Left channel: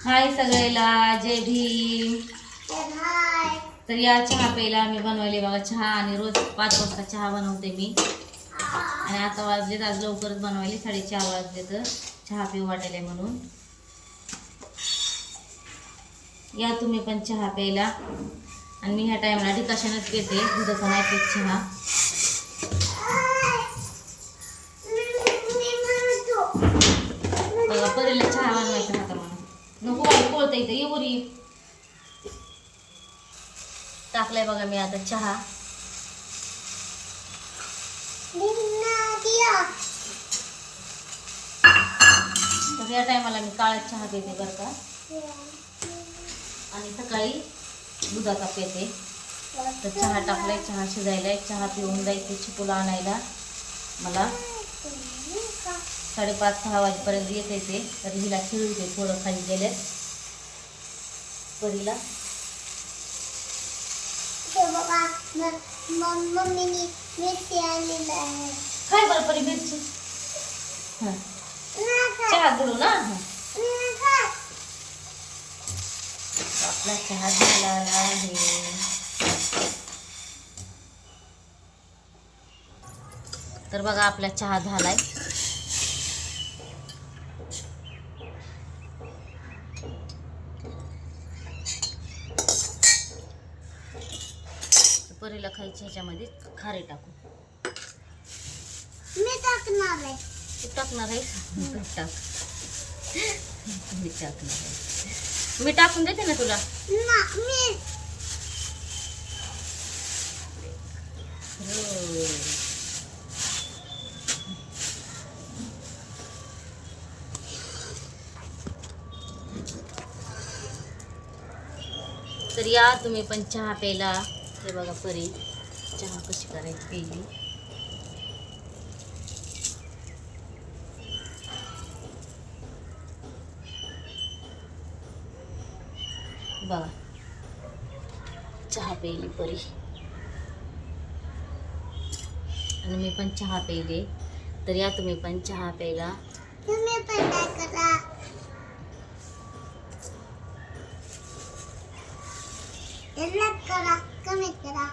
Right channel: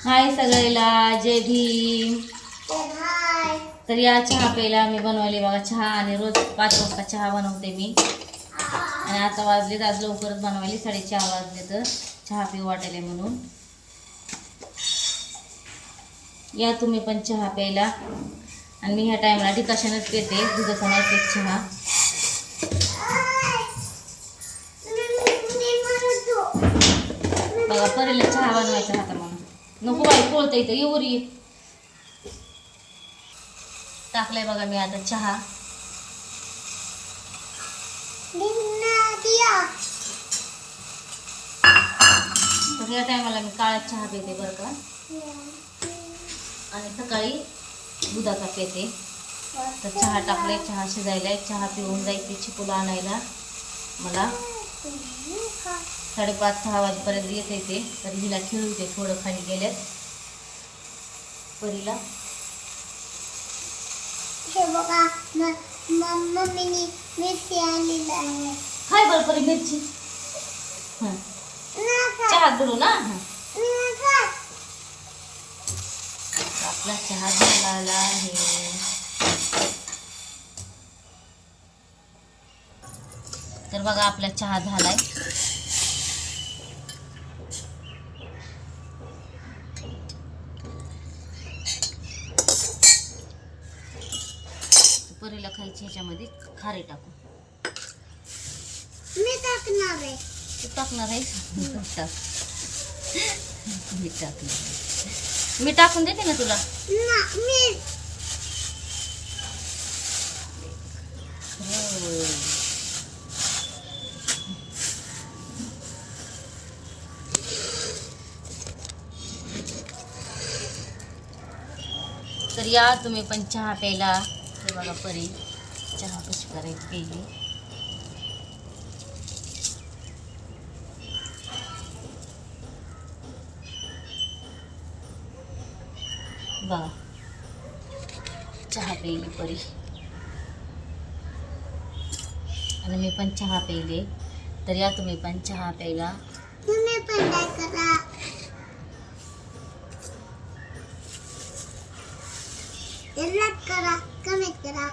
हाय सगळ्याला, जय भीम. तर या चहा प्यायला मी बनवायले बघा चहा. आणि रोज 5 वाजता चहा बनवते मी. आणि आता वाजलेत, आज लवकरच बनवायले, 4:30 वाजले. तर चहा पिऊ वाटायला म्हणून या तुम्ही पण चहा प्यायला. आणि मी ह्या टायमाला डिकॉशनच पिते, दुधाचा नाही पीत चहा. बघा परीला चहा बनवायचा होता म्हणून. नको बाई कोळतं इथं, येऊर ये. टाकलाय बघा मी आता चहा. तर या टायमाला मी काळा चहा पिते बरं का. आणि सकाळी दुधाचा पिते. तर चहा टाकलाय, चहा शिजायलाय, चहा पिऊन जायचे चिकूला आणायला. मला 5:30-6 वाजेपर्यंत येते ते. तर हिला खेळू दे, थोडं खाली गेल्यात परीला. हे बघा मम्मीने मिरची आणलेली आहे. हाय बरं परी मिरची. हां चहा गुडू ना. आपला चहा झालेला आहे. तर बघा आपला चहा झालाय. परीला खायची ह्याच्यामध्ये खारे टाकू. मी टाकणार आहे. तू टाकणार आहेस? टाक. मी टाकणार आहे. मी टाकून देते ना तुला. मी तर या तुम्ही पण चहा प्यायला. हे बघा परी चहा कशी करायची प्यायली. बघा चहा प्यायली परी. आणि मी पण चहा प्यायले. तर या तुम्ही पण चहा प्यायला. तुम्ही पण काय करा. लाईक करा, कमेंट करा.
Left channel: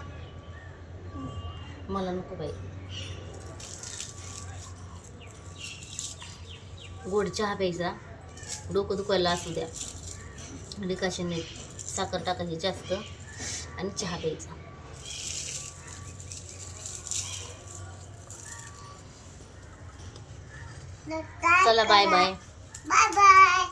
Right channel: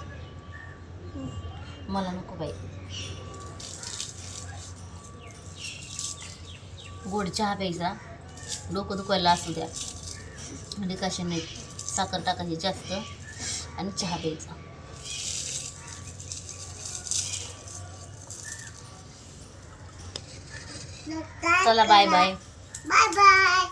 मला नको बाई. गोड चहा प्यायचा, डोकं दुखायला असू द्या. डिकॉशन नाही, साखर टाकायची जास्त आणि चहा प्यायचा. चला बाय बाय. Bye bye.